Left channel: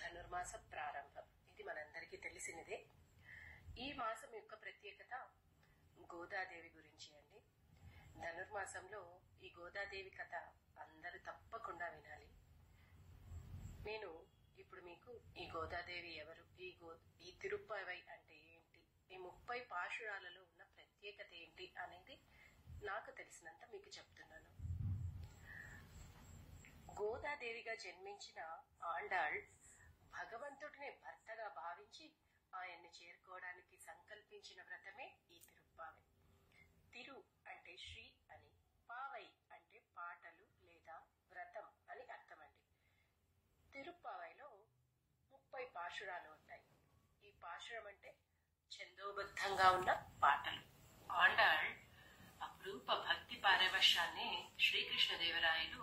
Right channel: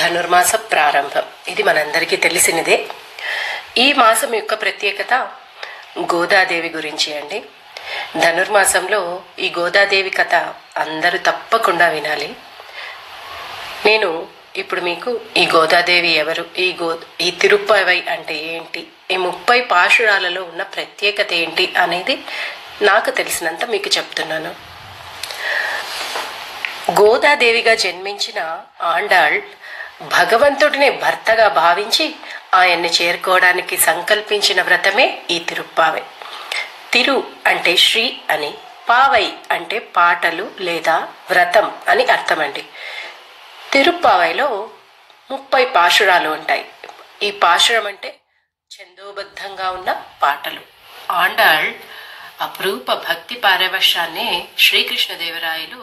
ధనుర్మాస ప్రారంభం. ఇది మనందరికీ తెలిసినదే. ఈ మాసం యొక్క ప్రత్యేకత గోదాదేవి గురించి అండి. ధనుర్మాసంలో ఈ గోదాదేవి కథ అందరూ తప్పకుండా వినాలి. నేను ఇప్పుడు మీకు ఈ గోదాదేవి ఎవరు, ఈ తిరుప్పవై అంటే ఏంటి, ఈ 30 పాశురాలలో ఉన్న ప్రత్యేకత ఏంటి అనేది నాకు తెలిసినంత మీకు చెప్తున్నాను. గోదాదేవిగా జన్మించిన ఆండాళ్ భగవంతుడిని భర్తగా భావించి ఆయన్ని చేరుకోవడానికి సంకల్పించిన వ్రతమే ఈ తిరుప్పావై. తిరు అంటే శ్రీ అని, పావై అంటే పాటలు లేదా వ్రతం అని అర్థమండి. తిరుప్పావైలో 30 పాశురాలు ఉంటాయి. ఈ పాశురం అంటే ఛందోబద్ధంగా ఉన్న పాటలు. ఆండాళ్ అపురూప భక్తి పారవశ్యాన్ని శ్రీకృష్ణదేవరాయలు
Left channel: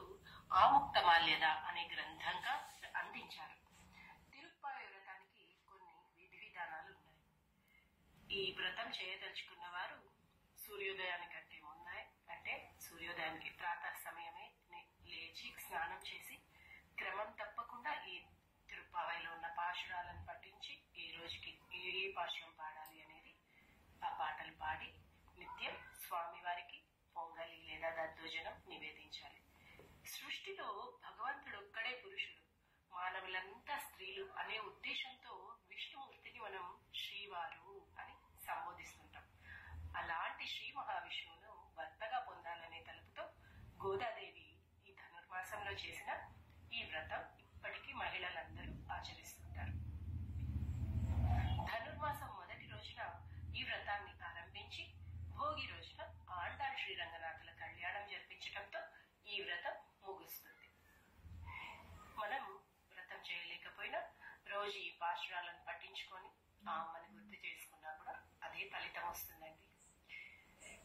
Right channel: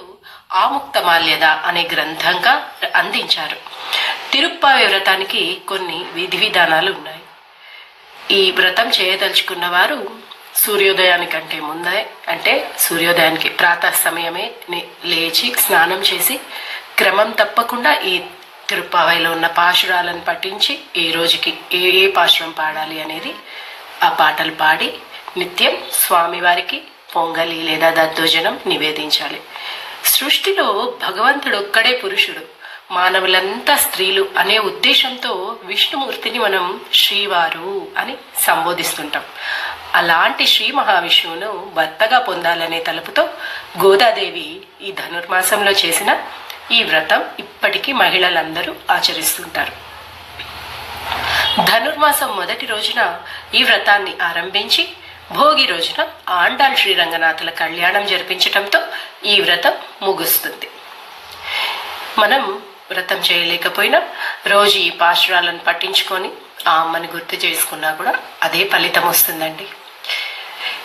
ఆముక్తమాల్యద అనే గ్రంథంగా అందించారు. తిరుప్పావై వ్రతానికి కొన్ని విధి విధానాలు ఉన్నాయి. ఈ వ్రతం చేయదలుచుకున్న వారు సూర్యోదయానికంటే ముందే, అంటే సూర్యోదయానికి ప్రాతः సమయమే లేచి స్నానం చేసి క్రమం తప్పకుండా ఈ తిరుప్పావైలో ఉన్న పాశురాలను పఠించి ఈ రోజుకి ఏ పాశురం పాడాలి అనేది ఆ పాటలు పాడి నిత్యం స్వామివారికి పొంగలి లేదా దద్దోజనం నివేదించాలి. సృష్టిలో భగవంతుడు ఒక్కడే పురుషుడు, మానవులంతా స్త్రీలు అనే ఉద్దేశంతో విష్ణుమూర్తిని మనం శ్రీవారు అని సంబోధిస్తుంటాం. అలాంటి శ్రీ మహావిష్ణువును భర్తగా పొందాలనే తలుపుతో గోదాదేవి ఈ ధనుర్మాసంలో చేసిన ఈ వ్రతం ఇప్పటికీ మహిళలందరూ ఆచరిస్తుంటారు. ధనుర్మాసం మొదటి రోజున ఈ వ్రతాన్ని ఆరంభించి భోగి రోజున ఆండాళ్ శ్రీరంగనాథుల కళ్యాణం జరిపించటంతో ఈ వ్రతం ముగుస్తుంది. మనం వ్రతం చేయలేకపోయినా రోజు ఈ పాశురాలను పట్టించుకొని ఆ అమ్మని గుర్తు చేసుకున్నా కూడా అదే ఫలితం వస్తుందండి.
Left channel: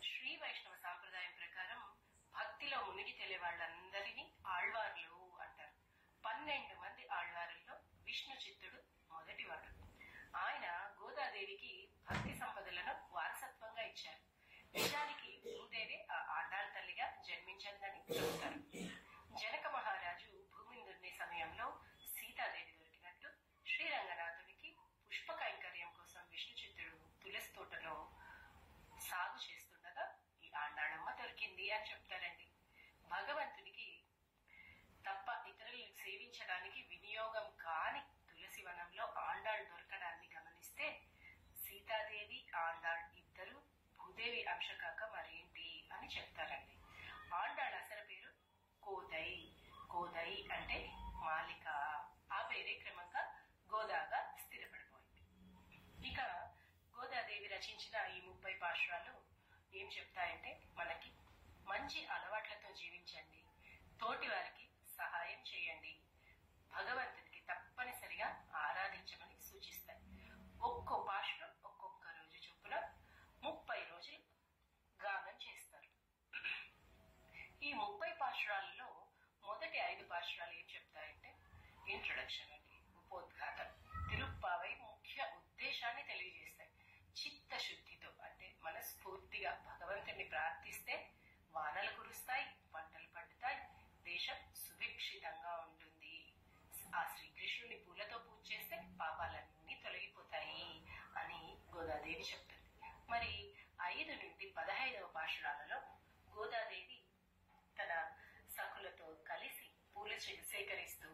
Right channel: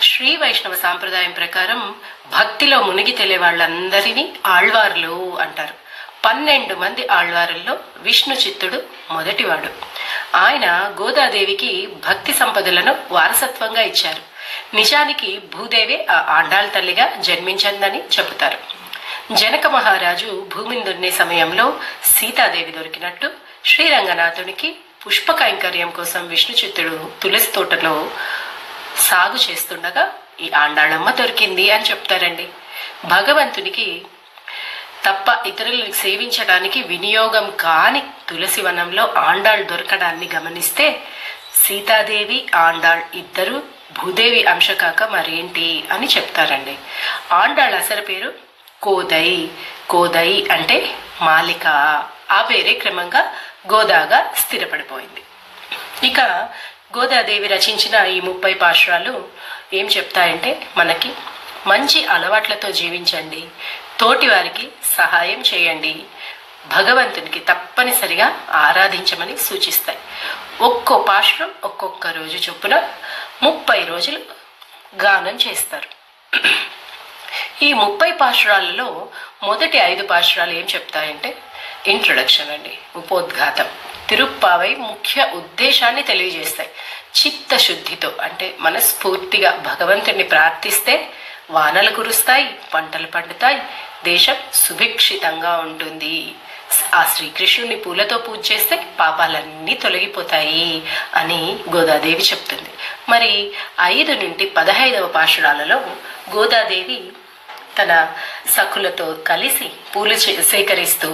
శ్రీ వైష్ణవ సాంప్రదాయం ప్రకారం భక్తిలో మునిగి తెలియ వాళ్ళందరినీ ఆళ్వార్లు అంటారు. 12 మంది ఆళ్వారుల్లో విష్ణు చిత్తుడు మొదటివాడు. ఆయన గోదాదేవికి భక్తి సంపదలను వారసత్వంగా ఇచ్చారు. నిజానికి భూదేవి ఆ ఆండాళ్ తల్లిగా జన్మించిందని చెబుతారు. జనక మహారాజు భూమిని దున్నే సమయంలో సీతాదేవి దొరికినట్టు శ్రీరంగనాథునికి పుష్ప కైంకర్యం కోసం విష్ణు చిత్తుడు తులసి తోటలో సాగు చేస్తుండగా ఈ ఆండాళమ్మ దొరికింది అని చెప్తారండి. భగవంతునికి తప్ప ఇతరులను సేవించడానికి వినియోగం కాని తులసి వనంలో ఆండాళ్ దొరకడాన్ని గమనిస్తే సీతాదేవి ఆండాళ్ ఇద్దరు భూదేవి అంశ కాక మరేంటి అని చెప్తారండి. ఆండాళ్ అసలు పేరు కోదై. కోదై అంటే మాలిక. ఆ పేరే క్రమంగా గోదాగా స్థిరపడిపోయింది. ఇక గోదాదేవి రచించిన ఈ 30 పాశురాలు ఏం చెప్తాయంటే, మనకి మంచి అలవాట్లతో జీవించండి, తోటి వారికి సహాయం చేయండి, భగవంతునికి తప్పనిసరిగా ఆరాధించమని సూచిస్తాయి. ఒక్కో పాశురం ఒక్కొక్క రోజు చొప్పున 30 రోజులు గానం చేస్తారు. ఈ 30 పాశురాలలో మొదటి 5 పాశురాలు ఏం చెప్తాయంటే ఇంట్రొడక్షన్ అండి, ఉపోద్ఘాతం. తిరుప్పావై ముఖ్య ఉద్దేశాన్ని తెలియజేస్తాయి. చిత్తశుద్ధితో అంటే మనస్ఫూర్తిగా భగవంతుడిని ప్రార్థిస్తే వానలు కురుస్తాయి, పంటలు పండుతాయి, దేశం సుభిక్షితంగా ఉంటుంది. ఆ శ్రీకృష్ణుని పూలతో పూజ చేస్తే పాపాలన్నీ తొలగిపోతాయి అని గోదాదేవి చెప్తుంది. మరి 5 నుండి 15వ పాశురాలలో గోదాదేవి తన సఖులతో కలిసి పూలు సేకరిస్తూ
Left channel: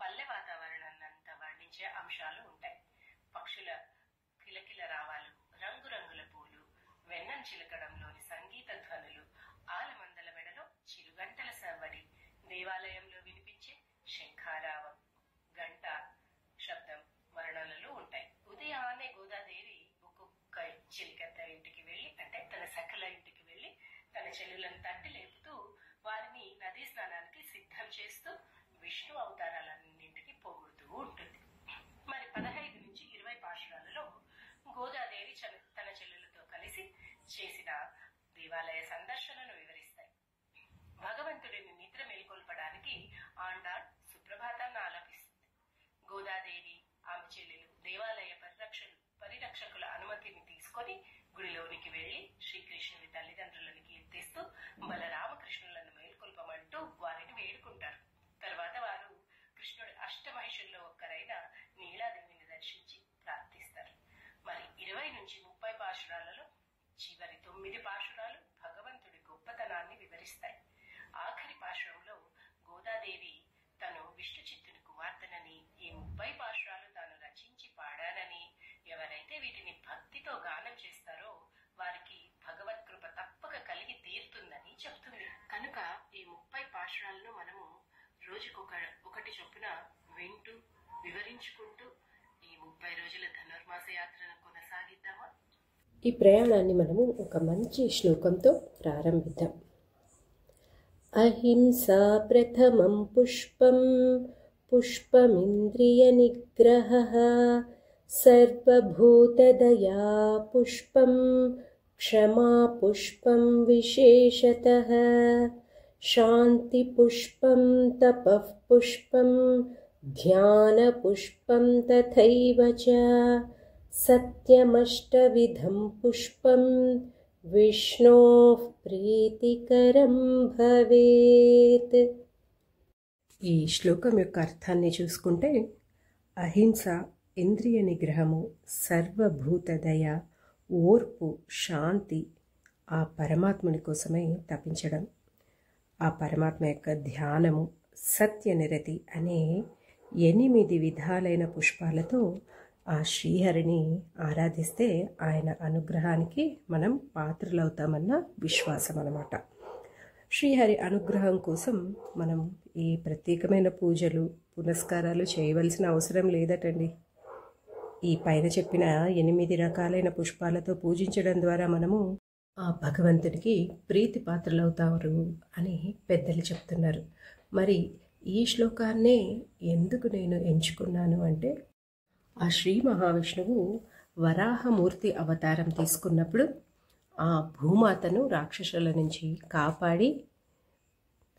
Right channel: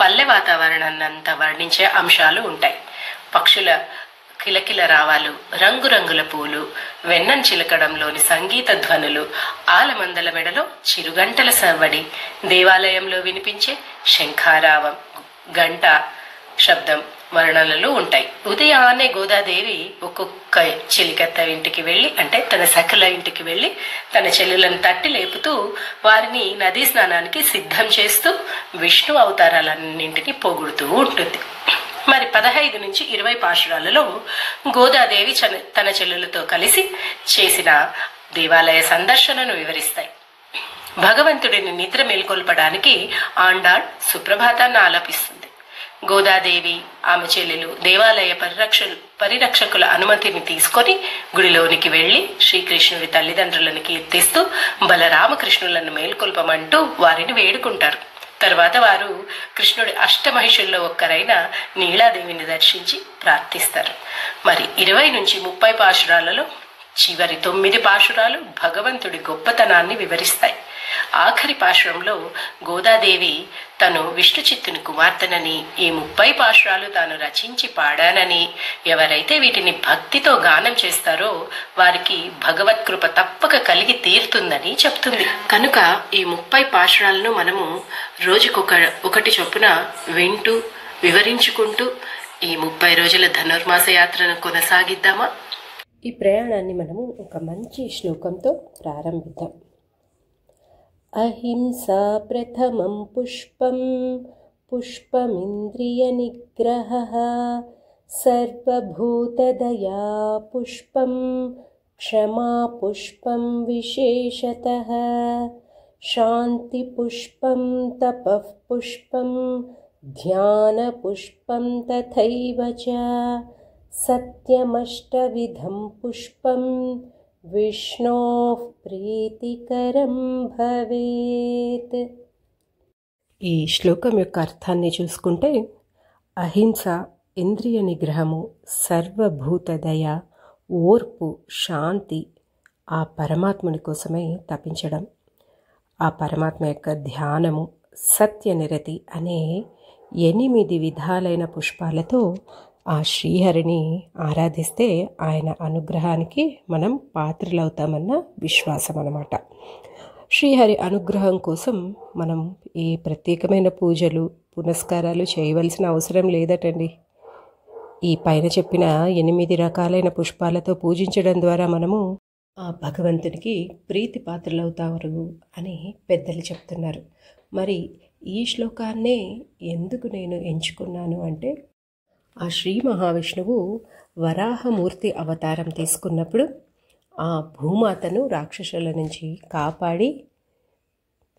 పల్లె వాతావరణాన్నంతా వర్ణించే అంశాలు ఉంటాయి. పక్షుల కిలకిల రావాలు, రంగురంగుల పూలు, వెన్నం చిలకడంలోని సంగీత ధ్వనులు, ఆలమందల మెడలో చిరుగంటల సవ్వడి, దేవాలయంలో వినిపించే శంఖారావం, గంట శబ్దం వర్ణనలు ఉంటాయి. ఉదయాన్నే గోదాదేవి ఒక్కొక్క చెలికత్త ఇంటికి వెళ్ళి, అంటే తన సఖుల ఇంటికి వెళ్ళి తన చెల్లెలను తట్టి లేపుతూ వారిని నదీ స్నానానికి సిద్ధం చేస్తూ విష్ణు అవతారాలన్నింటినీ పొగుడుతూ ఉంటుంది. మరి 15 నుంచి 20 పాశురాలలో గోదాదేవి తన చెల్లెలతో కలిసి చేసిన దేవాలయ సందర్శనను వివరిస్తాయి. భగవంతుడిని నిద్ర మేల్కొల్పడానికి ఆండాళ్ సుప్రభాతాన్ని ఆలపిస్తుంది. గోదాదేవి ఆమె చెల్లెలు దేవాలయ పరిరక్షకుల అనుమతిని తీసుకొని గుడిలోనికి వెళ్లి శ్రీకృష్ణుడి తల్లిదండ్రులను కీర్తిస్తూ బలరామకృష్ణులను మేల్కొల్పమంటూ వారిని వేడుకుంటారు. తర్వాత వారు కృష్ణుడి అష్టమహిషుల్లో ఒక్కరైన నీలాదేవిని దర్శించి ప్రార్థిస్తారు. మరి 20 నుంచి 30 పాశురాలలో చివరి 9 పాశురాలు భగవంతుడి గొప్పతనాన్ని వివరిస్తాయి. ఆఖరి పాశురంలో గోదాదేవి తను విష్ణు చిత్తుని కుమార్తెనని, ఈ 30 పాశురాలు తాను రచించి పాడానని, ఎవరైతే వీటిని భక్తితో గానం చేస్తారో వారికి భగవత్కృప తప్పక కలిగి తీరుతుందని చెప్తుంది. కనుక ఈ 30 పాశురాలను మనము రోజుకొకటి చొప్పున వింటూ వివరించుకుంటూ ఈ 30 రోజుల ధనుర్మాస యాత్రను కొనసాగిద్దామా? ఈ ప్రయాణాన్ని మనము ఒక మంచి శ్లోకంతో ప్రారంభిద్దాం. అహింసా ప్రథమం పుష్పం పుష్పమింద్రియ నిగ్రహః సర్వభూతదయా పుష్పం క్షమా పుష్పం విశేషతః శాంతి పుష్పం తపః పుష్పం ధ్యాన పుష్పం తథైవ చ సత్యమష్టవిధం పుష్పం విష్ణోః ప్రీతికరం భవేత్. ఈ శ్లోకం యొక్క అర్థాన్ని చూసుకుంటే, అహింస, ఇంద్రియ నిగ్రహము, సర్వభూతదయ, ఓర్పు, శాంతి ఆ పరమాత్ముని కోసమై తపించడం, ఆ పరమాత్మ యొక్క ధ్యానము, సత్యనిరతి అనే 8 విధాలైన పుష్పాలతో ఆ శ్రీహరిని ఆరాధిస్తే ఆయన అనుగ్రహానికి మనం పాత్రలవుతామన్న విశ్వాసం అన్నమాట. శ్రీహరి అనుగ్రహం కోసం మనం ఈ ప్రత్యేకమైన పూజలు పునస్కారాలు చేయవలసిన అవసరం లేదటండి. ఈ పైన చెప్పిన 8 రకాలైన పుష్పాలతో పూజించడం ద్వారా మనము ఆ భగవంతునికి ప్రీతి పాత్రలవుతారు అని పెద్దలు చెప్తున్నారు. మరి ఈ శ్లోకాన్నే ఎందుకు నేను ఎంచుకున్నాను అంటే, ఆ శ్రీ మహావిష్ణువు వరాహమూర్తి అవతారం తీసుకున్నప్పుడు ఆ భూమాతను రాక్షసుల నుంచి కాపాడి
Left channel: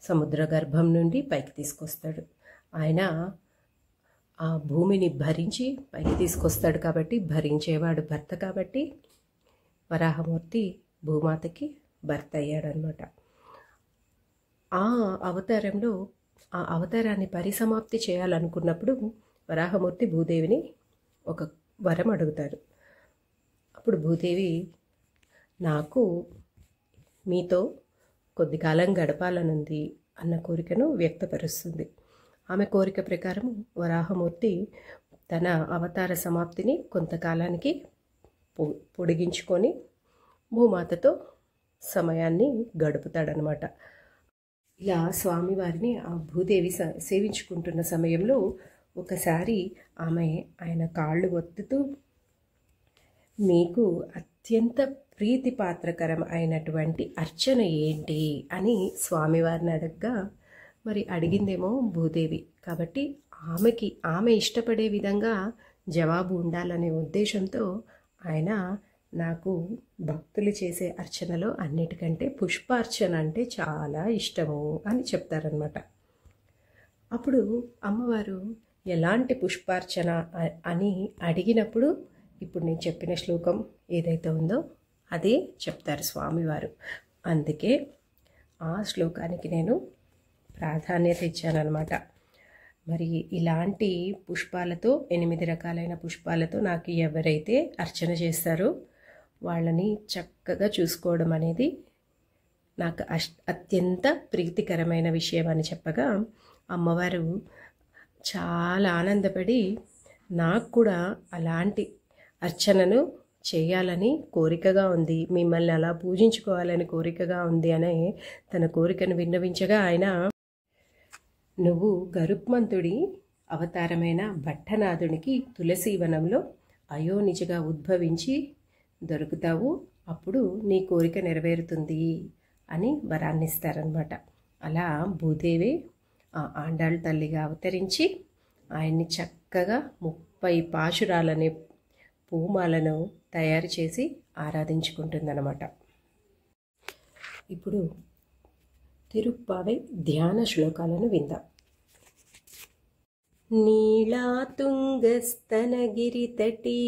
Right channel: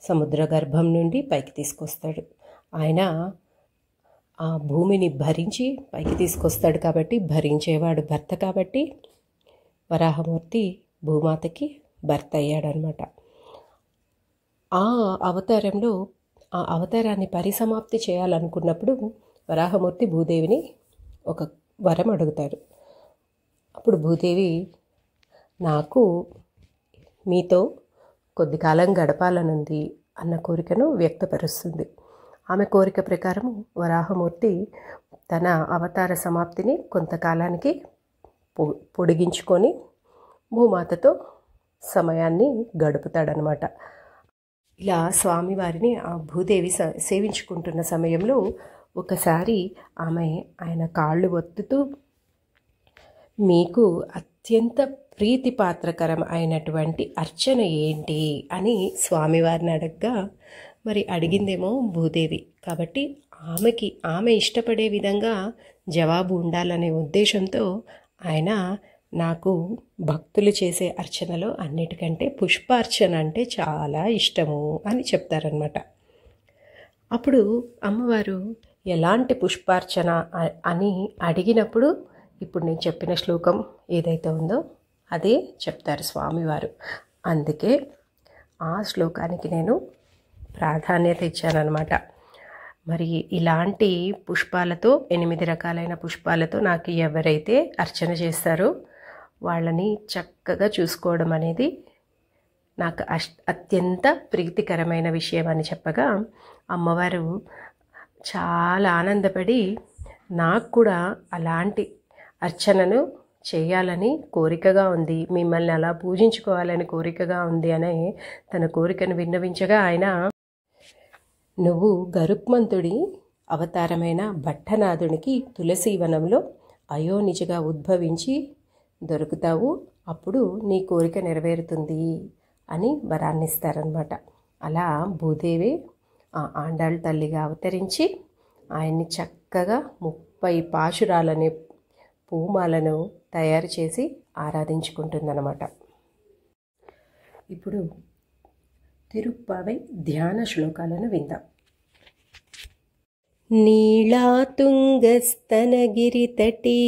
సముద్ర గర్భం నుండి పైకి తీసుకొస్తాడు. ఆయన ఆ భూమిని భరించి పైకి తీసుకొస్తాడు కాబట్టి, భరించేవాడు భర్త కాబట్టి వరాహమూర్తి భూమాతకి భర్త అయ్యాడనమాట. ఆ అవతారంలో ఆ అవతారాన్ని పరిసమాప్తి చేయాలనుకున్నప్పుడు వరాహమూర్తి భూదేవిని ఒక వరం అడుగుతాడు. అప్పుడు భూదేవి, నాకు మీతో కొద్ది కాలం గడపాలనుంది అన్న కోరికను వ్యక్తపరుస్తుంది. ఆమె కోరిక ప్రకారం వరాహమూర్తి తన అవతార సమాప్తిని కొంతకాలానికి పొడిగించుకొని భూమాతతో సమయాన్ని గడుపుతాడనమాట. ఇలా స్వామివారిని ఆ భూదేవి సేవించుకుంటున్న సమయంలో ఒకసారి ఆమె ఆయన కాళ్ళు ఒత్తుతూ, మీకు అత్యంత ప్రీతిపాత్రకరం అయినటువంటి అర్చన ఏంటి అని స్వామివారిని అడగ్గా, మరి అడిగిందేమో భూదేవి కాబట్టి ఆమె ఇష్టపడే విధంగా జవాబు ఉండాలనే ఉద్దేశంతో ఆయన, నాకు భక్తులు చేసే అర్చనలో అన్నిటికంటే పుష్పార్చన అంటే చాలా ఇష్టము అని చెప్తారనమాట. అప్పుడు అమ్మవారు ఎలాంటి పుష్పార్చన అని అడిగినప్పుడు ఇప్పుడు నేను చెప్పిన శ్లోకం ఏదైతే ఉందో అదే చెప్తారు స్వామివారు. అందుకే ఆ శ్లోకానికి నేను ప్రాధాన్యత ఇచ్చానన్నమాట. మరి ఇలాంటి పుష్పాలతో 8 రకాలైన పుష్పాలతో నాకు ఎవరైతే అర్చన చేస్తారో వాళ్ళని చక్కగా చూసుకోవడం అనేది నాకు అత్యంత ప్రీతికరమైన విషయం అని చెప్పగా, అమ్మవారు చాలా ఆనందపడి, నాకు కూడా అలాంటి అర్చనను చేయాలని కోరికగా ఉంది, మిమ్మల్ని అలా పూజించుకోవాలని కోరికగా ఉంది అని తన కోరికను విన్నవించగా, ఆయన, నువ్వు గరుత్మంతుడి అవతారమైన భట్టనాథునికి తులసీవనంలో అయోనిజగా ఉద్భవించి దొరుకుతావు, అప్పుడు నీ కోరిక నెరవేరుతుంది అని వరాన్నిస్తారనమాట. అలా భూదేవి ఆ ఆండాళ్ళ తల్లిగా అవతరించి ఆయన్ని చక్కగా 30 పాశురాలనే పూమాలను తయారు చేసి ఆరాధించుకుంటుందన్నమాట. ఇప్పుడు తిరుప్పావై ధ్యాన శ్లోకాలను విందాం. నీళాతుంగస్తనగిరితటీ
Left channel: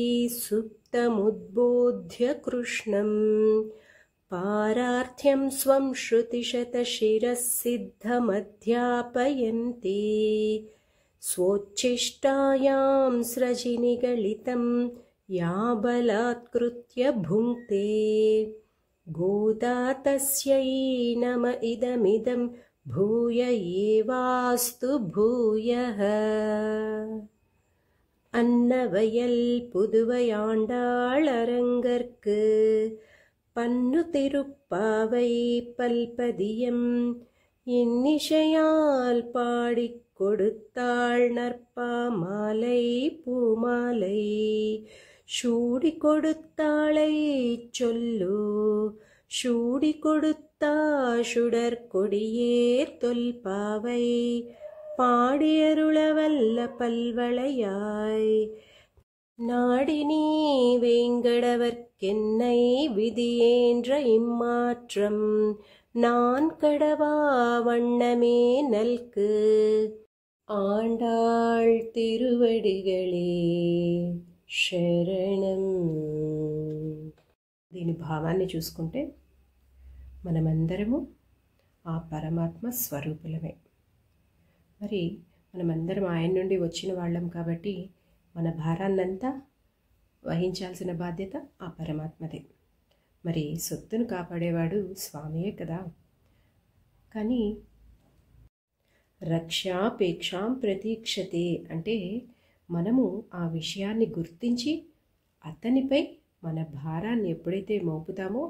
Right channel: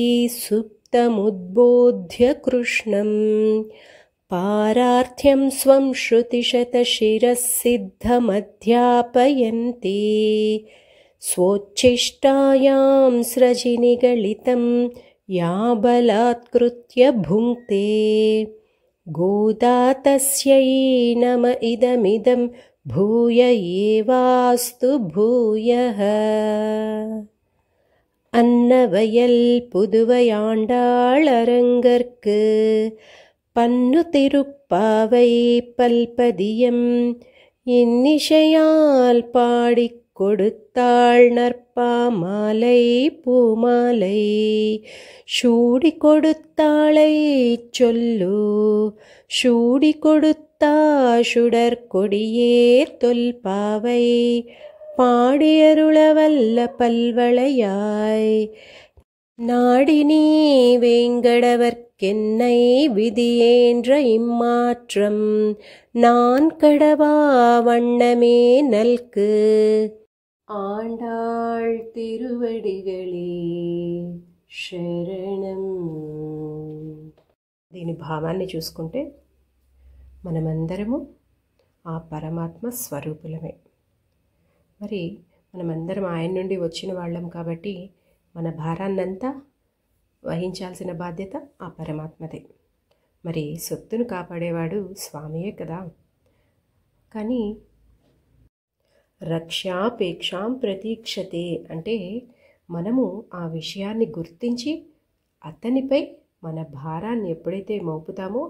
సుప్తముద్బోధ్య కృష్ణం పారార్థ్యం స్వం శృతిశతశిరః సిద్ధమధ్యాపయంతి స్వోచ్ఛిష్టాయాం స్రజినిగళితం యా బలాత్కృత్య భుంక్తే గోదా తస్యై నమ ఇదమిదం భూయ ఏవాస్తు భూయః. அன்னவயல் புதுவையாண்டாளரங்கற்கு பன்னு திருப்பாவை பல்பதியம் இன்னிசையால் பாடிக் கொடுத்தாள் நற்பாமாலை பூமாலை சூடி கொடுத்தாளை சொல்லு சூடி கொடுத்தா சுடற்கொடியேர் தொல்பாவை பாடியருளவல்ல பல்வளையாய் நாடினீ வேங்கடவர்க்கென்னை விதியேன்ற இம்மாற்றம் நான் கடவா வண்ணமே நல்கு ஆண்டாள் తిరువడిగళే శరణం. దీని భావాన్ని చూసుకుంటే మనమందరము ఆ పరమాత్మ స్వరూపులమే. మరి మనమందరం ఆయన నుండి వచ్చిన వాళ్ళం కాబట్టి మన భారాన్నంతా వహించాల్సిన బాధ్యత ఆ పరమాత్మదే. మరి సొత్తును కాపాడేవాడు స్వామియే కదా. కానీ రక్షాపేక్షాం ప్రతీక్షతే అంటే మనము ఆ విషయాన్ని గుర్తించి అతనిపై మన భారాన్ని ఎప్పుడైతే మోపుతామో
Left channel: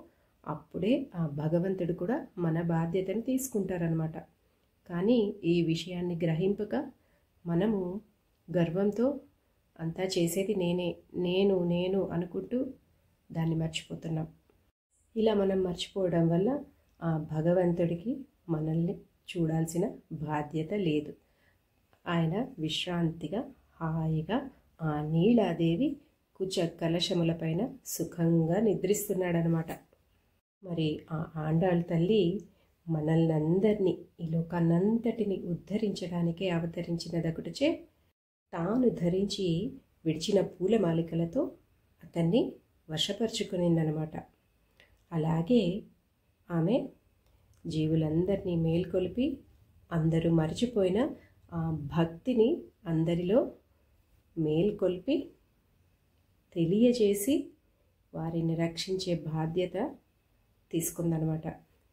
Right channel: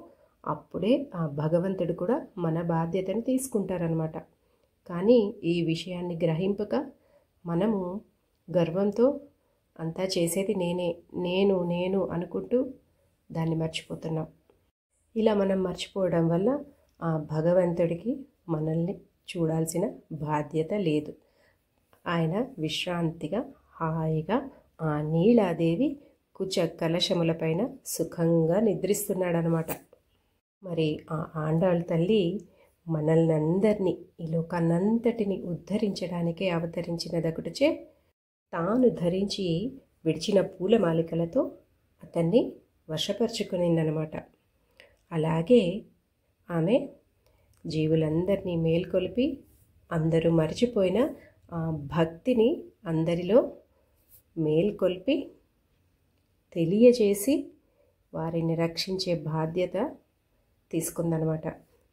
అప్పుడే ఆ భగవంతుడు కూడా మన బాధ్యతను తీసుకుంటారనమాట. కానీ ఈ విషయాన్ని గ్రహింపక మనము గర్వంతో అంతా చేసేది నేను నేను అనుకుంటూ దాన్ని మర్చిపోతున్నాం. ఇలా మనం మర్చిపోవడం వల్ల ఆ భగవంతుడికి మనల్ని చూడాల్సిన బాధ్యత లేదు. ఆయన విశ్రాంతిగా హాయిగా ఆ నీలాదేవి కుచ కలశములపైన సుఖంగా నిద్రిస్తున్నాడనమాట. మరి ఆ ఆండాళ్ తల్లి మనల్ని అందరినీ ఈ లోకాన్నంతటిని ఉద్ధరించడానికే అవతరించినదొకటిచే తాను ధరించి విడిచిన పూలమాలికలతో అతన్ని వశపరుచుకునిందనమాట. అలాగే ఆమె జీవులందరినీ మేల్కొల్పి అందరూ మర్చిపోయిన ఆ భక్తిని అందరిలో మేల్కొల్పి తెలియజేసి వారిని రక్షించే బాధ్యత తీసుకుందనమాట.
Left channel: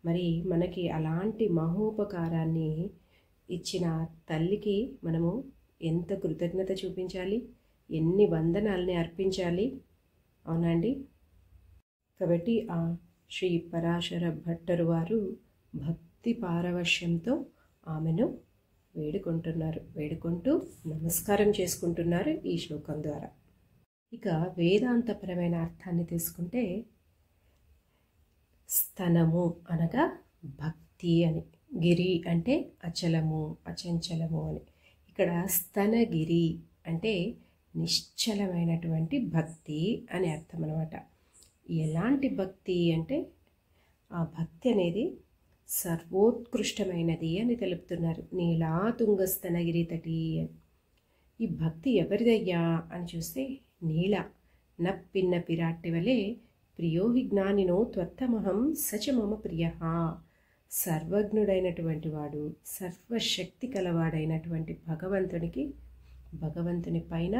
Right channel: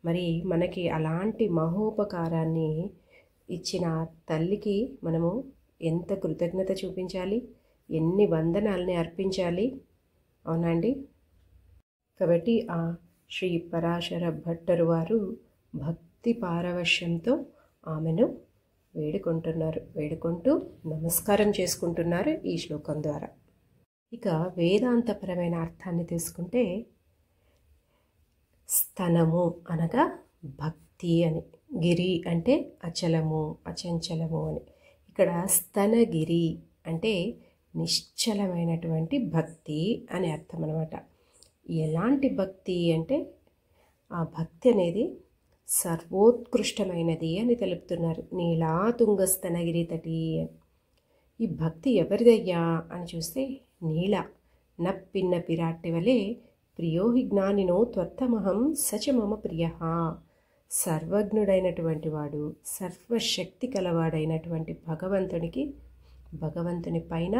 మరి మనకి అలాంటి మహోపకారాన్ని ఇచ్చిన తల్లికి మనము ఎంత కృతజ్ఞత చూపించాలి, ఎన్ని వందనాలని అర్పించాలి. అవునండి. కాబట్టి ఆ శ్రీ పరాశర భట్టరు వారు భక్తి పారవశ్యంతో ఆమెను వేడుకుంటూ నమస్కారం చేసుకుంటున్నారు ఈ శ్లోకం ద్వారా. ఇక వేదాంతపరమైన అర్థాన్ని తీసుకుంటే స్తనము అనగా భక్తి అని, గిరి అంటే అచలము అచంచలము అని. ఇక్కడ స్తనగిరి అంటే నిశ్చలమైనటువంటి భక్తి అని అర్థం అన్నమాట. ఎలాంటి భక్తి అంటే ఆ భక్తి అనేది సర్వోత్కృష్టమైనది అని తెలుపుతున్నారు. నీలాతుంగ స్తనగిరి తటి అని. ఈ భక్తి ఎవరిదయ్యా అని చూస్తే నీల నప్పిన్న పిరాట్టి వలె ప్రియోహి జ్ఞానినో త్వత్తమహం సచ మమ ప్రియ. సర్వజ్ఞుడైనటువంటి వాడు, సర్వశక్తి కలవాడైనటువంటి భగవంతుని పైన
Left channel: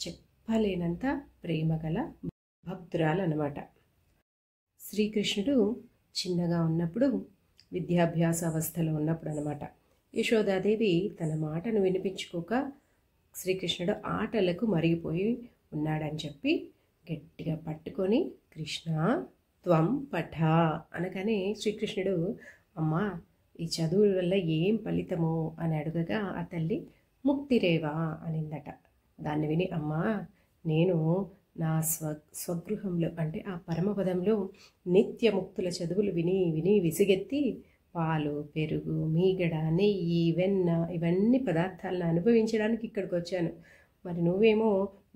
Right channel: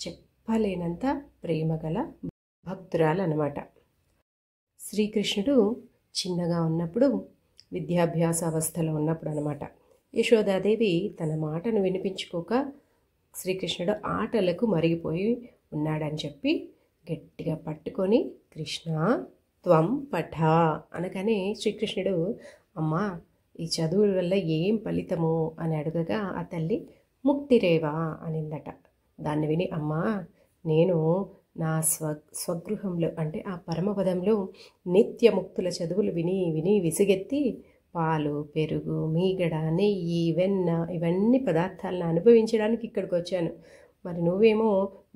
చెప్పలేనంత ప్రేమ గల భక్తురాలన్నమాట. శ్రీకృష్ణుడు చిన్నగా ఉన్నప్పుడు, విద్యాభ్యాస అవస్థలో ఉన్నప్పుడు అన్నమాట, యశోదాదేవి తన మాటను వినిపించుకోక శ్రీకృష్ణుడు ఆటలకు మరిగిపోయి ఉన్నాడని చెప్పి గట్టిగా పట్టుకొని కృష్ణ త్వం పఠ అనగానే శ్రీకృష్ణుడు అమ్మా ఈ చదువుల వల్ల ఏం ఫలితము అని అడగగా ఆ తల్లి ముక్తిరేవా అనిందట. దాన్ని విని అమ్మా నేను నా స్వగృహంలో అంటే ఆ పరమపదంలో నిత్యముక్తుల చదువులు విని విని విసిగెత్తి పాలు, పెరుగు, మీగడ, నెయ్యి, వెన్న ఇవన్నీ పదార్థాలను అనుభవించడానికి ఇక్కడికి వచ్చాను. మరి నువ్వేమో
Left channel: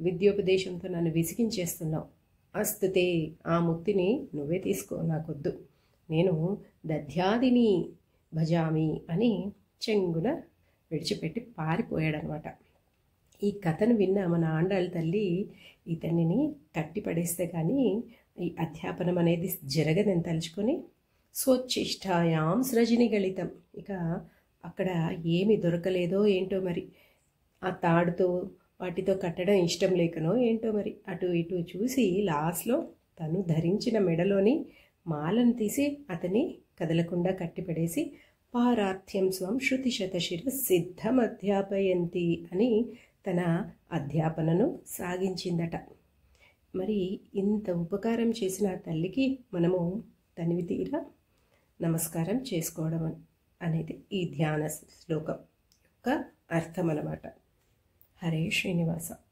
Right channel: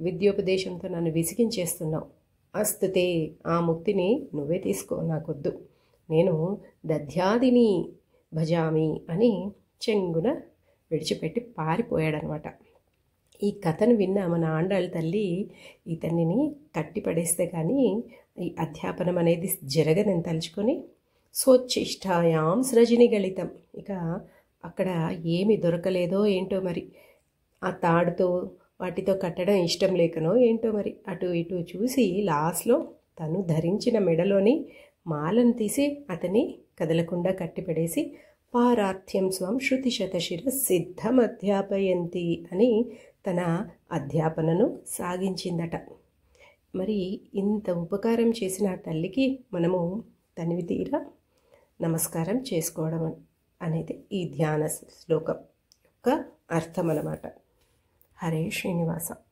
విద్యోపదేశంతో నన్ను విసిగించేస్తున్నావు. అస్తుతే ఆ ముక్తిని నువ్వే తీసుకో, నాకొద్దు, నేను దధ్యాదిని భజామి అని చెంగున విడిచిపెట్టి పారిపోయాడనమాట. ఈ కథను విన్న మన ఆండాళ్ళ తల్లి ఇతన్ని కట్టిపడేస్తే కానీ ఈ అధ్యాపనం అనేది జరగదని తలుచుకొని స్వచ్ఛిష్టాయాం సృజిని గళితం. ఇక అక్కడ ఏమి దొరకలేదో ఏంటో మరి, ఆ తాడుతో వాటితో కట్టడం ఇష్టం లేకనో ఏంటో మరి, అటు ఇటు చూసి లాస్ట్లో తను ధరించిన మెడలోని మాలను తీసి అతని కదలకుండా కట్టిపడేసి పారార్థ్యం స్వం శృతి శతశిర సిద్ధం అధ్యాపయంతి అని తన అధ్యాపనను సాగించిందట. మరి ఇంత ఉపకారం చేసిన తల్లికి మనము తనివి తీరా నమస్కారం చేసుకోవడం అనేది ఈ ధ్యాన శ్లోకం యొక్క అర్థం అన్నమాట. హరే శ్రీనివాస.